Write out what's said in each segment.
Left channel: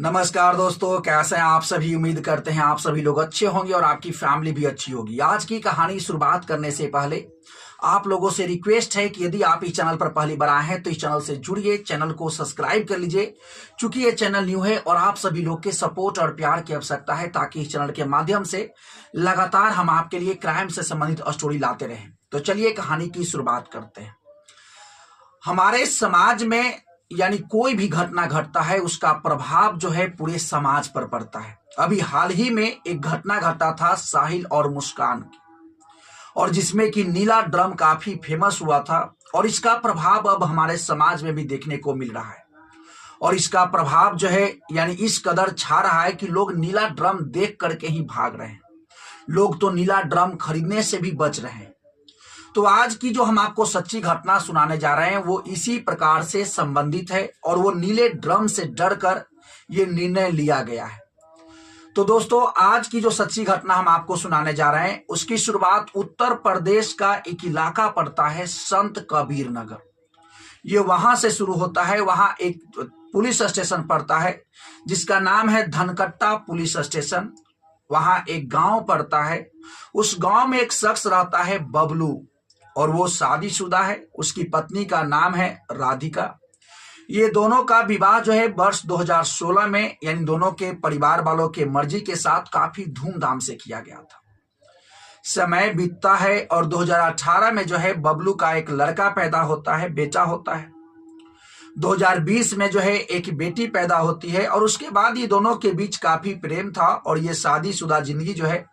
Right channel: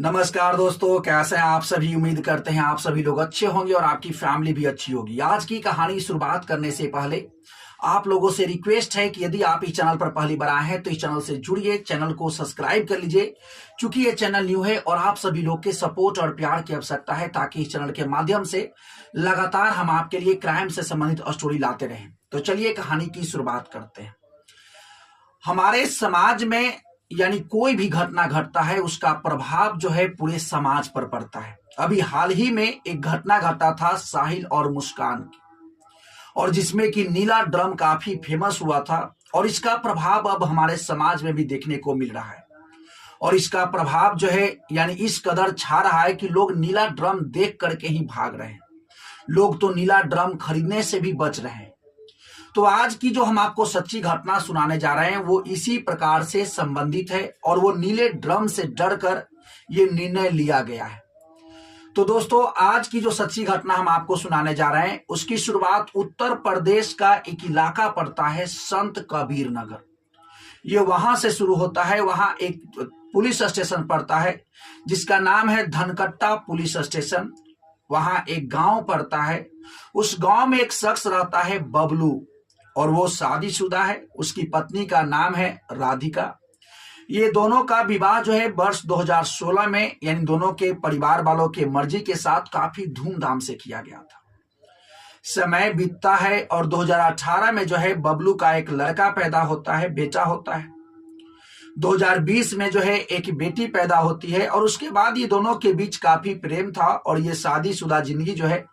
नमस्कार दोस्तों, कैसे हैं आप सभी। उम्मीद करते हैं आप सभी लोग अच्छे होंगे और आपकी फैमिली भी अच्छी होगी। आज की कहानी शुरुआत करने से पहले आप लोगों से रिक्वेस्ट है कि यदि आप इस चैनल पर पहली बार आए हैं तो इस चैनल से जुड़िए, चैनल को सब्सक्राइब कर लीजिए। चूंकि ये चैनल न्यू है और आप सभी लोग के सपोर्ट और प्यार की आवश्यकता है ताकि इस चैनल के माध्यम से लगातार हम आपके लिए क्राइम से संबंधित स्टोरी लाते रहें। तो चलिए कहानी की शुरुआत करते हैं। हमारे समाज में यानी कोई भी घटना घटता है उसका प्रभाव जो है पूरे समाज पर पड़ता है। अभी हाल ही में एक घटना घटा था साहिल और मुस्कान की, और जिसमें कि नीला ड्रम काफी फेमस हुआ था और इसका प्रभाव अब हमारे समाज में भी देखने को मिल रहा है। और इसका प्रभाव जो है यानी इस कदर छा रहा है कि लोग नीला ड्रम देख करके ही भाग रहे हैं। लोग तो नीला ड्रम खरीदने से भी बच रहे हैं। तो आज की जो हम आपको सच्ची घटना सुनाने जा रहे हैं वो इसी प्रकार से संबंधित है और वो नीले ड्रम से डरकर ये निर्णय लिया गया है। तो दोस्तों, आज की जो सच्ची घटना हम आपको सुनाने जा रहे हैं उसकी शुरुआत उत्तर प्रदेश का एक इलाका पड़ता है संत कबीर नगर। ये वहां से शुरू होता है। वहां एक पुलिस स्टेशन पड़ता है जिसका नाम है धनकट्टा पुलिस स्टेशन। वहां एक गांव पड़ता है। उस गांव में एक शख्स रहता है बबलू, और वो शादीशुदा है। उसकी पत्नी का नाम है राधिका। ये दोनों का विवाह जो है वर्ष 2016 में यानी दोनों के परिवार वालों के मर्जी के साथ काफी धूमधाम से किया गया था। समय बीतता है और 2018 में जो है बबलू का एक लड़का पैदा होता है, बेटा होता है। 2020 में जो है एक बेटी पैदा होती है और उसके बाद ये दोनों के बीच काफी प्रेम था और ये शादीशुदा जिंदगी जो है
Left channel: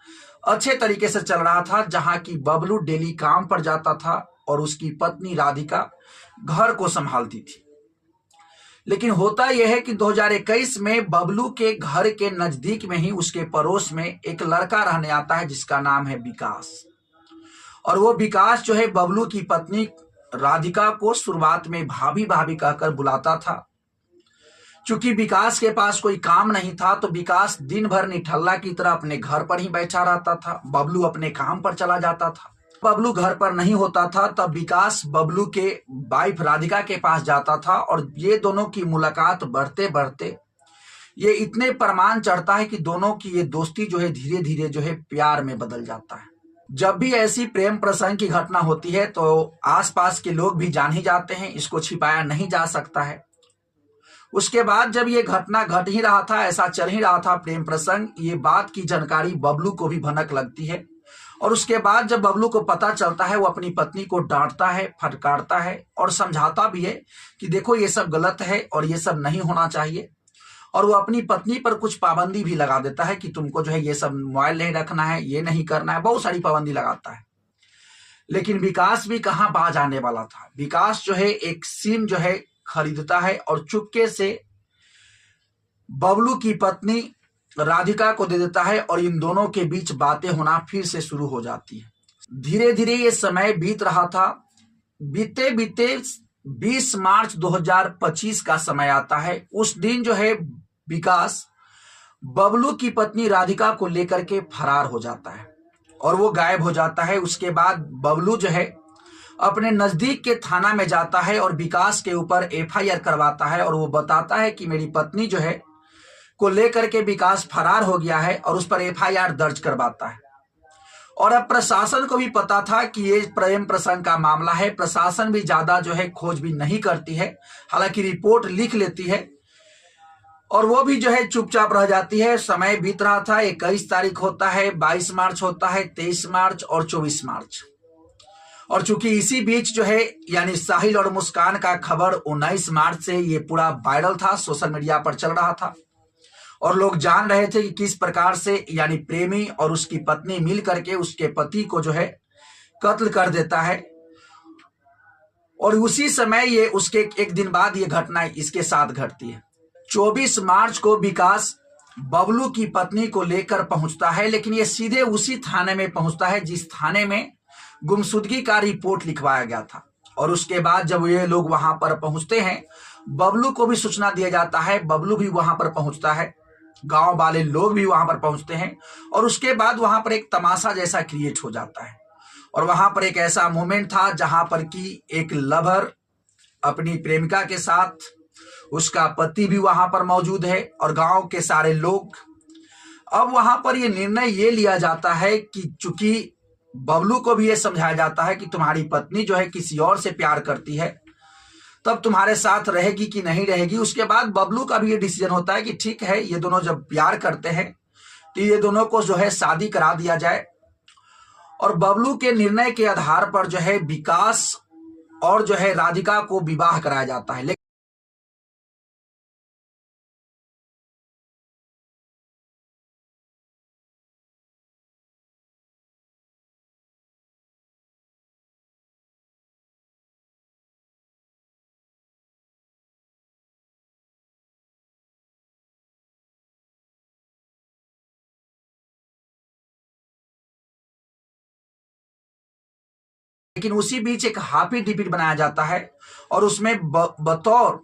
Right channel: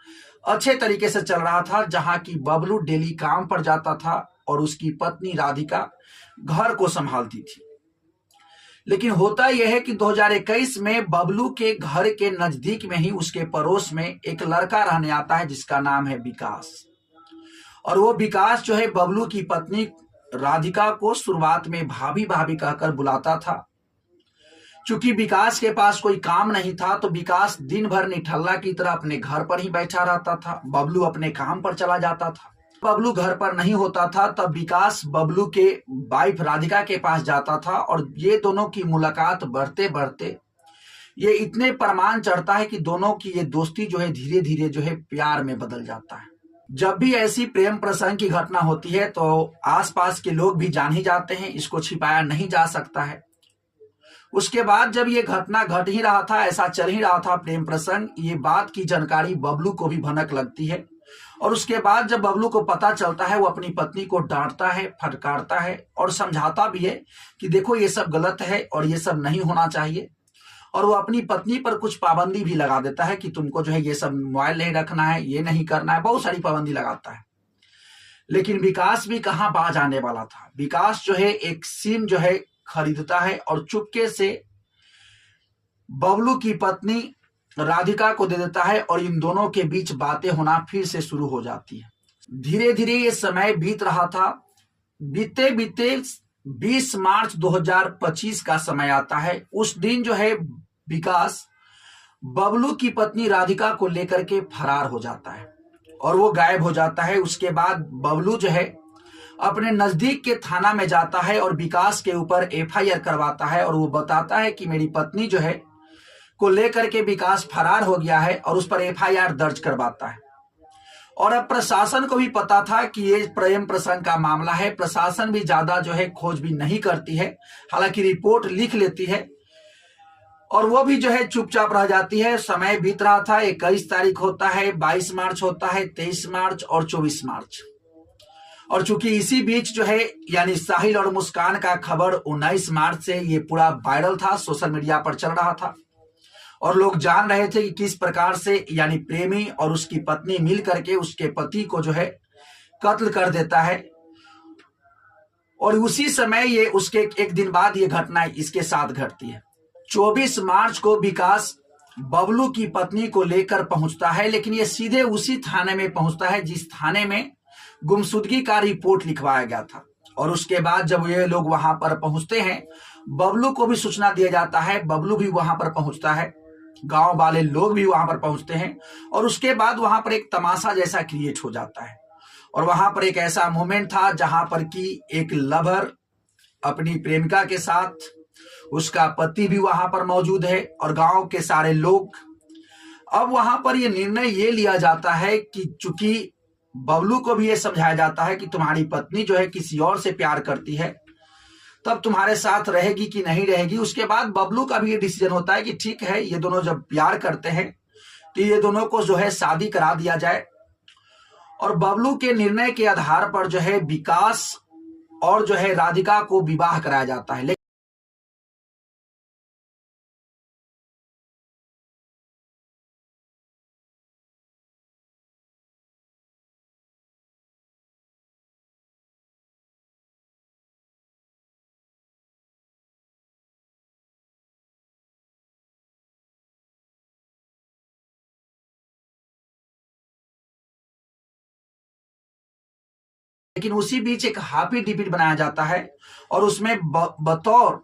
अच्छे तरीके से चल रहा था, जहां की बबलू डेली काम पर जाता था और उसकी पत्नी राधिका घर को संभालती थी। लेकिन होता यह है कि 2021 में बबलू के घर के नजदीक में ही उसके पड़ोस में एक लड़का रहने आता है जिसका नाम है विकास। और वो विकास जो है बबलू की पत्नी राधिका को शुरुआत में भाभी भाभी कहकर बुलाता था। चूंकि विकास के पास कोई काम नहीं था तो विकास दिन भर निठल्ला की तरह अपने घर पर ही बैठा रहता था। बबलू अपने काम पर चला जाता था। बबलू घर पर नहीं होता था तब विकास बबलू के वाइफ राधिका के पास जाता था और ये दोनों की मुलाकात बढ़ते बढ़ते ये इतने परमान चढ़ता है कि दोनों की ये दोस्ती जो है धीरे धीरे जो है प्यार में बदल जाता है। जब भी ऐसी प्रेम प्रसंग की घटना होती है तो आसपास के लोग भी जान ही जाते हैं, इसको छिपाया नहीं जा सकता है। उसके बाद जब ये घटना घट ही रहा था, ऐसा चल ही रहा था प्रेम प्रसंग, ये बात की जानकारी बबलू को भी भनक लगती है। और उसके बाद जब बबलू को पता चलता है वो अपनी पत्नी को डांटता है, फटकारता है और समझाता भी है कि देखो ये सब गलत है और ये सब नहीं होना चाहिए। और वो अपनी पत्नी पर कुछ पाबंदी भी लगा देता है कि तुमको जो है ये सब मोबाइल नहीं रखना है, ये नहीं करना है, बहुत सारी पाबंदी लगाता है। लेकिन विकास भी कहाँ बाज आने वाला था। विकास जो है एक सिम जो है खरीदता है और चुपके से बबलू की पत्नी राधिका को दे देता है और इन दोनों के बीच बातें होना फिर से शुरू हो जाती है। धीरे धीरे ये समय बीत रहा था। बीते बीते 20 मार्च 2025 का समय आता है। उस दिन जो है विकास बबलू की पत्नी राधिका को लेकर के फरार हो जाता है और वो गायब हो जाता है। उसके बाद बबलू जो है अपने नजदीक के थाना में जाता है और विकास के ऊपर एफआईआर करवाता है और वो बताता है कि मेरी पत्नी जो है को लेकर के विकास फरार हो गया है और उस पर एफआईआर दर्ज करवाता है। और अब प्रशासन को भी पता था कि ये प्रेम प्रसंग का मामला है। प्रशासन भी ज्यादा जो है खोजबीन नहीं करती है, हालांकि रिपोर्ट लिख लेती है और वो भी जो है चुपचाप रह जाती है। समय बीत रहा था। 21 तारीख होता है, 22 मार्च होता है, 23 मार्च और 24 मार्च। और चूंकि इसी बीच जो है यानी साहिल और मुस्कान का खबर 19 मार्च से ये पूरा वायरल था, सोशल मीडिया पर चल रहा था और लोग जान रहे थे कि किस प्रकार से यानी प्रेमी और उसकी पत्नी मिल करके उसके पति को जो है कत्ल कर देता है। और उसी समय ये उसके एक दिन बाद ये घटना इसके साथ घटती है। 24 मार्च को विकास बबलू की पत्नी को लेकर पहुंचता है, लेकिन ये सीधे उसी थाने में पहुंचता है जिस थाने में गुमशुदगी का रिपोर्ट लिखवाया गया था। और उसके बाद जब ये लोग वहां पर पहुंचते हैं, बबलू को भी सूचना दिया जाता है। बबलू भी वहां पर पहुंचता है, गांव वाले लोग भी वहां पर पहुंचते हैं और उसके बाद वहां पर एक तमाशा जैसा क्रिएट हो जाता है। और वहां पर एक ऐसा मोमेंट था जहां पर कि एक लवर अपनी प्रेमिका के साथ उसका पति भी वहां पर मौजूद है और गांव के सारे लोग। अब वहां पर यह निर्णय ये लिया जाता है कि चूंकि बबलू को भी ये समझाया जाता है कि तुम्हारी पत्नी जो है किसी और से प्यार करती है, तब तुम्हारे साथ रहेगी कि नहीं रहेगी। उसके बाद बबलू का भी ये डिसीजन होता है कि ठीक है, ये दोनों जब प्यार करते हैं तो ये दोनों को जो है शादी करा दिया जाए। और बबलू के निर्णय के आधार पर जो है विकास और जो है राधिका को विवाह कराया जाता है। लेकिन उसी बीच एक हाफी डिपिट बनाया जाता है और उसमें बतौर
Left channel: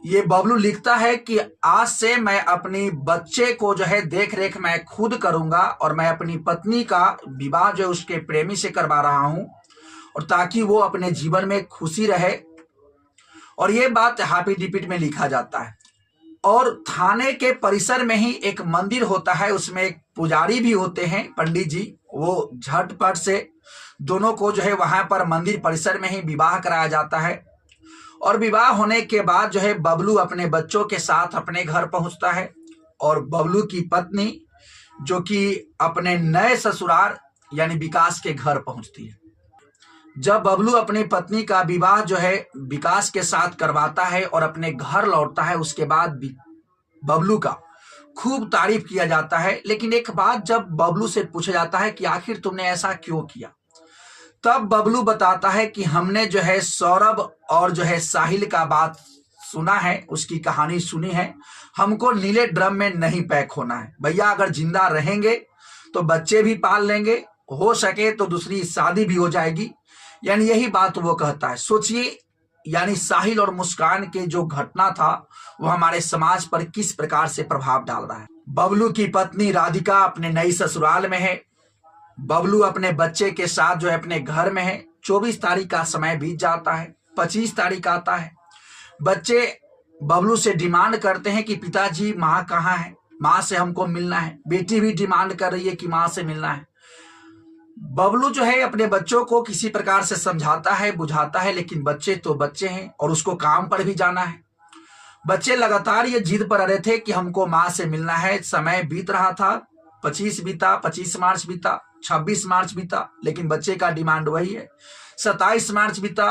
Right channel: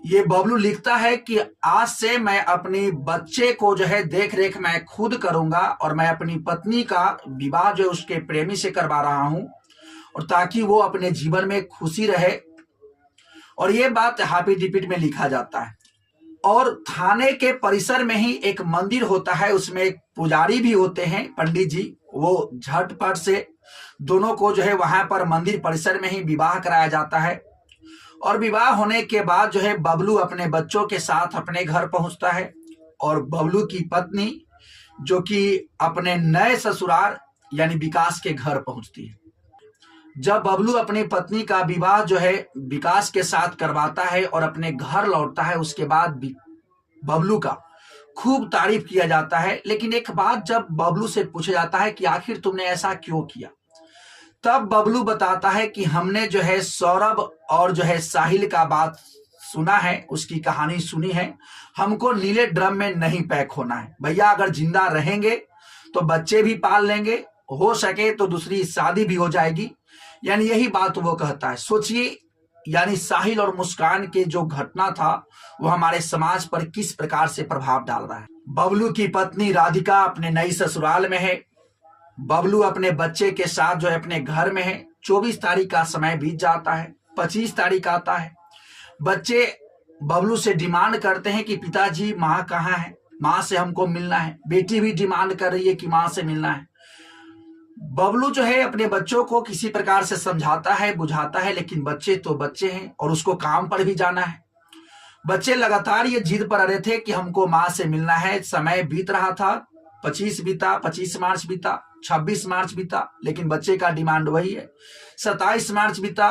ये बबलू लिखता है कि आज से मैं अपनी बच्चे को जो है देख रेख मैं खुद करूंगा और मैं अपनी पत्नी का विवाह जो है उसके प्रेमी से करवा रहा हूं, और ताकि वो अपने जीवन में खुशी रहे। और ये बात हाफी डिपिट में लिखा जाता है। और थाने के परिसर में ही एक मंदिर होता है, उसमें एक पुजारी भी होते हैं, पंडित जी। वो झटपट से दोनों को जो है वहां पर मंदिर परिसर में ही विवाह कराया जाता है। और विवाह होने के बाद जो है बबलू अपने बच्चों के साथ अपने घर पहुंचता है और बबलू की पत्नी जो कि अपने नए ससुराल यानी विकास के घर पहुंचती है। जब बबलू अपनी पत्नी का विवाह जो है विकास के साथ करवाता है और अपने घर लौटता है, उसके बाद बबलू का खूब तारीफ किया जाता है। लेकिन एक बात जब बबलू से पूछा जाता है कि आखिर तुमने ऐसा क्यों किया, तब बबलू बताता है कि हमने जो है सौरभ और जो है साहिल का बात सुना है, उसकी कहानी सुनी है, हमको नीले ड्रम में नहीं पैक होना है भैया। अगर जिंदा रहेंगे तो बच्चे भी पाल लेंगे, हो सके तो दूसरी शादी भी हो जाएगी, यानी यही बात वो कहता है। सोचिए, यानी साहिल और मुस्कान के जो घटना था वो हमारे समाज पर किस प्रकार से प्रभाव डाल रहा है। बबलू की पत्नी राधिका अपने नई ससुराल में है, बबलू अपने बच्चे के साथ जो है अपने घर में है। 24 तारीख का समय बीत जाता है, 25 तारीख आता है। बच्चे बबलू से डिमांड करते हैं कि पिताजी माँ कहाँ है, माँ से हमको मिलना है। बेटी भी डिमांड कर रही है कि माँ से मिलना है। बबलू जो है अपने बच्चों को किसी प्रकार से समझाता है, बुझाता है, लेकिन बच्चे तो बच्चे हैं और उसको काम पर भी जाना है। बच्चे लगातार ये जिद पर रहे थे कि हमको माँ से मिलना है। समय बीत रहा था, 25 बीता, 25 मार्च बीता, 26 मार्च बीता, लेकिन बच्चे का डिमांड वही है। 27 मार्च बीता,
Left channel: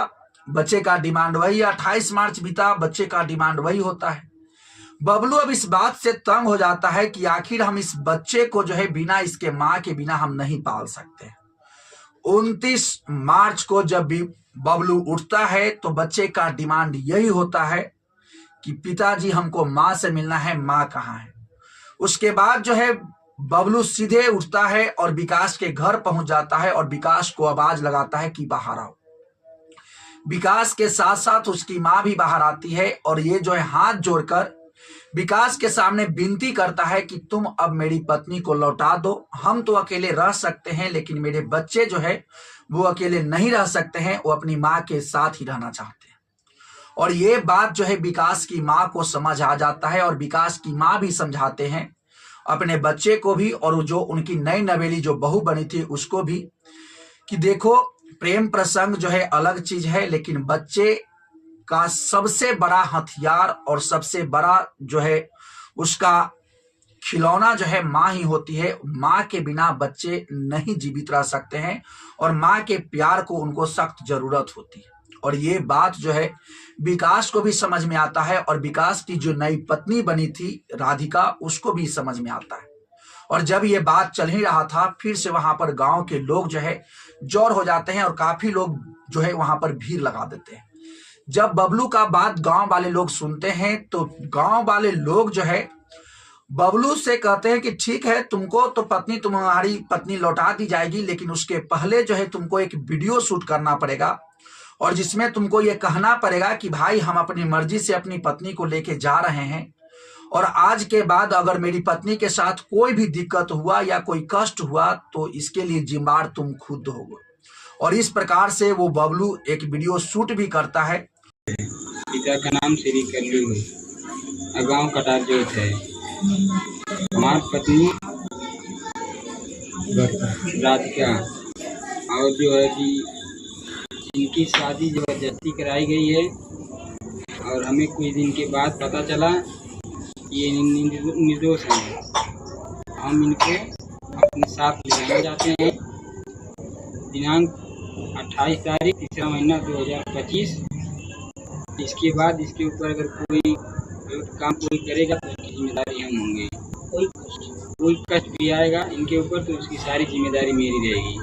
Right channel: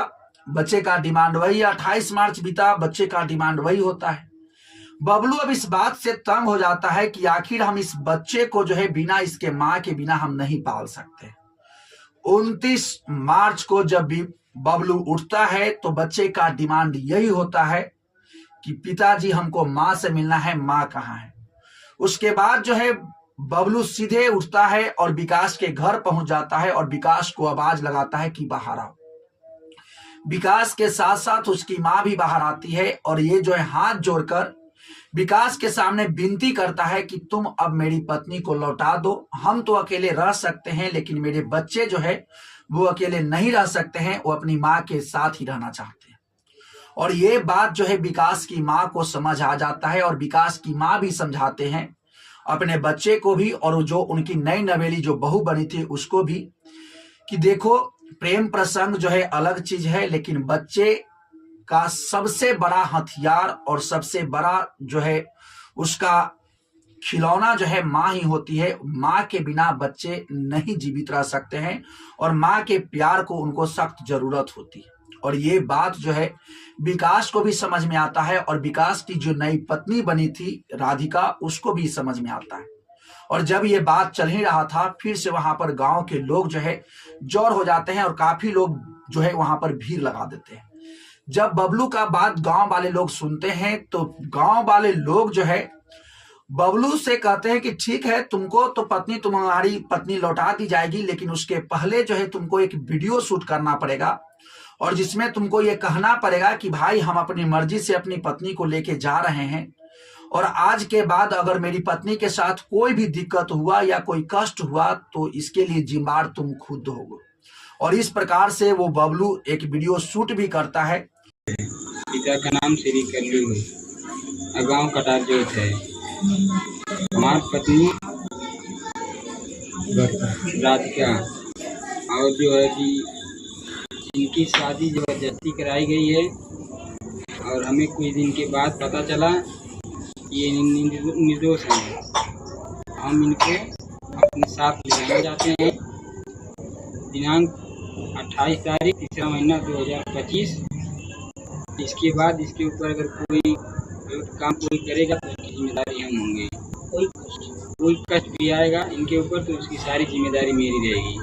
बच्चे का डिमांड वही है। 28 मार्च बीता, बच्चे का डिमांड वही होता है। बबलू अब इस बात से तंग हो जाता है कि आखिर हम इस बच्चे को जो है बिना इसके माँ के बिना हम नहीं पाल सकते। 29 मार्च को जब भी बबलू उठता है तो बच्चे का डिमांड यही होता है कि पिताजी हमको माँ से मिलना है, माँ कहाँ है। उसके बाद जो है बबलू सीधे उठता है और विकास के घर पहुंच जाता है और विकास को आवाज लगाता है कि बाहर आओ। विकास के साथ साथ उसकी माँ भी बाहर आती है और ये जो है हाथ जोड़कर विकास के सामने विनती करता है कि तुम अब मेरी पत्नी को लौटा दो। हम तो अकेले रह सकते हैं, लेकिन मेरे बच्चे जो है वो अकेले नहीं रह सकते हैं, वो अपनी माँ के साथ ही रहना चाहते हैं। और ये बात जो है विकास की माँ को समझ आ जाता है और विकास की माँ भी समझाते हैं अपने बच्चे को भी और जो उनकी नई नवेली जो बहू बनी थी उसको भी कि देखो, प्रेम प्रसंग जो है अलग चीज है, लेकिन बच्चे का सबसे बड़ा हथियार और सबसे बड़ा जो है उसका खिलौना जो है माँ ही होती है। माँ के बिना बच्चे नहीं जीवित रह सकते हैं और माँ के प्यार को उनको सख्त जरूरत होती है। और ये बात जो है विकास को भी समझ में आता है और विकास की जो नई पत्नी बनी थी राधिका, उसको भी समझ में आता है। और जब ये बात चल ही रहा था, फिर से वहां पर गांव के लोग जो है जोर हो जाते हैं और काफी लोग जो है वहां पर भीड़ लगा देते हैं। जब बबलू का बात गांव वाले लोग सुनते हैं तो गांव वाले लोग जो है बबलू से कहते हैं कि ठीक है, तुमको तो तुम्हारी पत्नी लौटा दी जाएगी, लेकिन उसके पहले जो है तुमको एक वीडियो शूट करना पड़ेगा और जिसमें तुमको ये कहना पड़ेगा कि भाई हम अपनी मर्जी से अपनी पत्नी को लेके जा रहे हैं और आज के बाद अगर मेरी पत्नी के साथ कोई भी दिक्कत हुआ या कोई कष्ट हुआ तो इसके लिए जिम्मेदार तुम खुद होगे। और इस प्रकार से वो बबलू एक वीडियो शूट भी करता है। पिता का नाम श्री करली हुई, गाँव कटारजोत है। हमारी पत्नी राधिका, और जो है कि इनकी शादी जबरदस्ती कराई गई है, और हमें कुछ दिन के बाद पता चला कि ये निर्दोष हैं। हम इनको अपने साथ ले जाना चाहते हैं। दिनांक 28 तारीख 3रा महीना 2025। इसके बाद इसके ऊपर अगर कोई काम कोई करेगा तो उसकी जिम्मेदारी हम होंगे। कोई कष्ट भी आएगा इनके ऊपर तो उसकी सारी जिम्मेदारी मेरी रहेगी।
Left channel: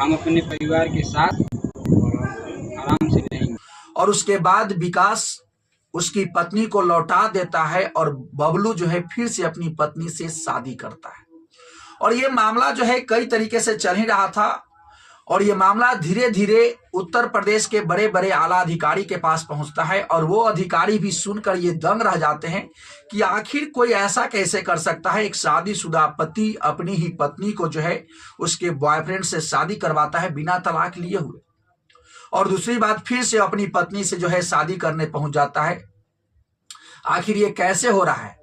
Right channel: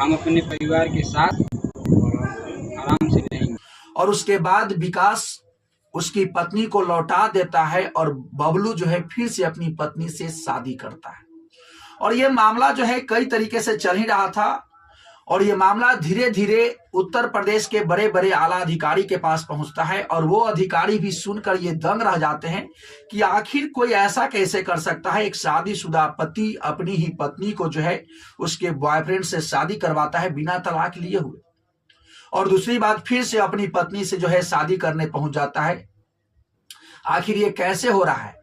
हम अपने परिवार के साथ आराम से रहेंगे। और उसके बाद विकास उसकी पत्नी को लौटा देता है और बबलू जो है फिर से अपनी पत्नी से शादी करता है। और ये मामला जो है कई तरीके से चल ही रहा था, और ये मामला धीरे धीरे उत्तर प्रदेश के बड़े बड़े आला अधिकारी के पास पहुंचता है, और वो अधिकारी भी सुनकर ये दंग रह जाते हैं कि आखिर कोई ऐसा कैसे कर सकता है। एक शादीशुदा पति अपनी ही पत्नी को जो है उसके बॉयफ्रेंड से शादी करवाता है बिना तलाक लिए हुए, और दूसरी बात फिर से अपनी पत्नी से जो है शादी करने पहुंच जाता है। आखिर ये कैसे हो रहा है?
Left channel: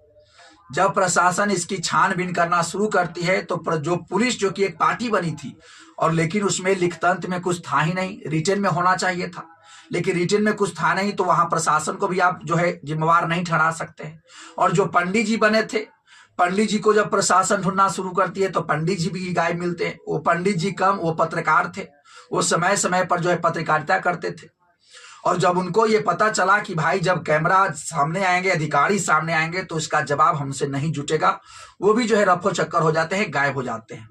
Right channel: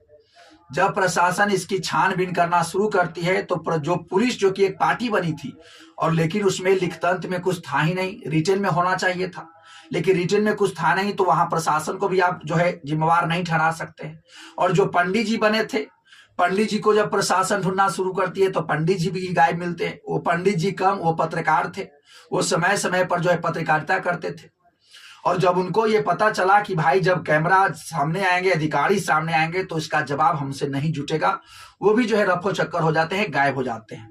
जब प्रशासन इसकी छानबीन करना शुरू करती है तो जो पुलिस जो कि एक पार्टी बनी थी, और लेकिन उसमें लिखतंत्र में कुछ था ही नहीं, रिटन में होना चाहिए था, लेकिन रिटन में कुछ था नहीं, तो वहां प्रशासन को भी आप जो है जिम्मेवार नहीं ठहरा सकते हैं। और जो पंडित जी बने थे, पंडित जी को जब प्रशासन ढूंढना शुरू करती है तो पंडित जी भी गायब मिलते हैं। वो पंडित जी कम, वो पत्रकार थे, वो समय समय पर जो है पत्रकारिता करते थे। और जब उनको ये पता चला कि भाई जब कैमरा सामने आएंगे, अधिकारी सामने आएंगे, तो इसका जवाब हमसे नहीं जुटेगा, वो भी जो है रफो चक्कर हो जाते हैं, गायब हो जाते हैं।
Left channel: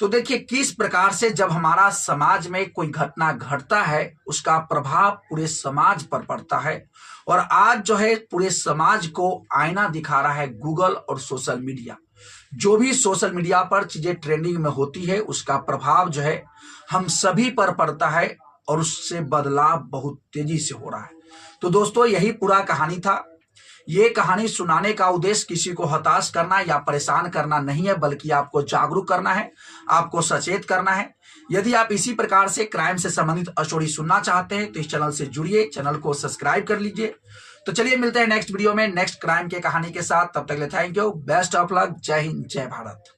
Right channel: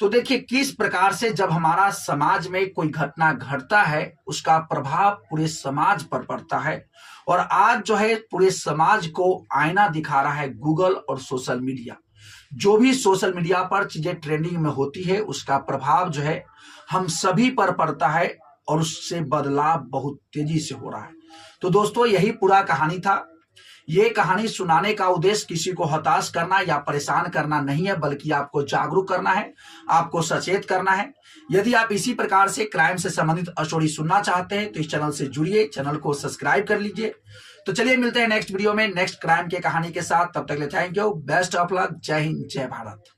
तो देखिए किस प्रकार से जब हमारा समाज में कोई घटना घटता है उसका प्रभाव पूरे समाज पर पड़ता है। और आज जो है पूरे समाज को आईना दिखा रहा है गूगल और सोशल मीडिया। जो भी सोशल मीडिया पर चीजें ट्रेंडिंग में होती है उसका प्रभाव जो है हम सभी पर पड़ता है, और उससे बदलाव बहुत तेजी से हो रहा है। तो दोस्तों यही पूरा कहानी था। ये कहानी सुनाने का उद्देश्य किसी को हताश करना या परेशान करना नहीं है, बल्कि आपको जागरूक करना है, आपको सचेत करना है। यदि आप इसी प्रकार से क्राइम से संबंधित स्टोरी सुनना चाहते हैं तो इस चैनल से जुड़िए, चैनल को सब्सक्राइब कर लीजिए। तो चलिए मिलते हैं नेक्स्ट वीडियो में नेक्स्ट क्राइम के कहानी के साथ। तब तक के लिए thank you, best of luck, जय हिंद, जय भारत।